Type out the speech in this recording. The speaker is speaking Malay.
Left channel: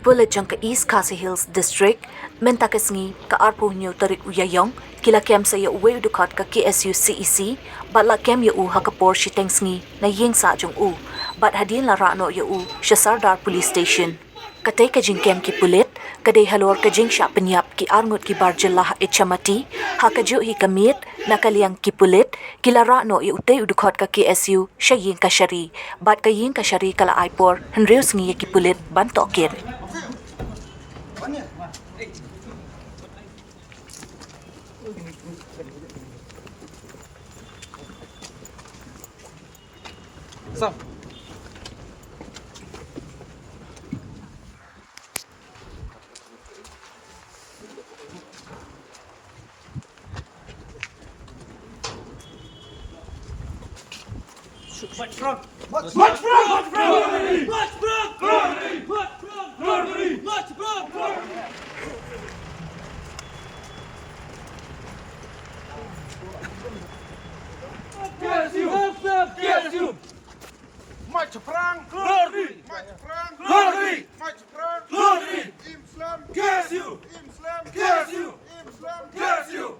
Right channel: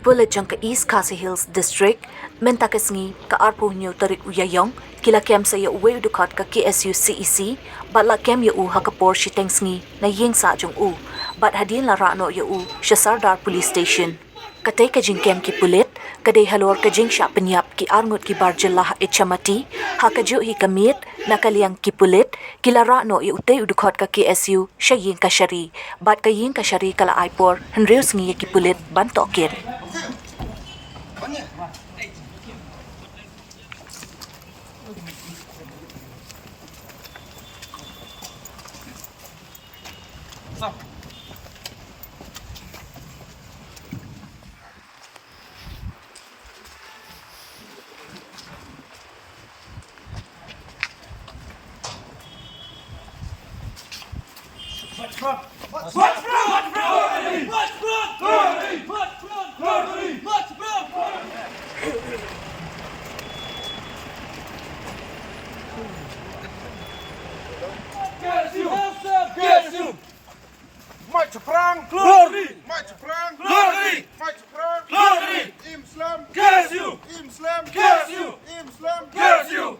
Pulit jong ka East Khasi Hills District, mynta Sngi ka Arngut tarik Iaiong, kila kem sa uwei Dkhot ka KSU CEC, bat la kem hakapor shiteng Sngi na yingshah jong bat hadien la rano sardar police station. Katei ka jingkem Pulit, kadei halor ka jingshah pyniap arngut bar jylla Ichamati, kajuh janmiet na liang Pulit, kila rano utei Dkhot ka KSU Iing Kashari, bat ka Iing Kashari kala aipor Hynriew Sngi Pulit ban Tohkit. Stop. KSU! Maju perang! Glory! Maju perang! Glory! Maju perang! Glory! Islam! KSU! Islam! KSU! Islam! KSU!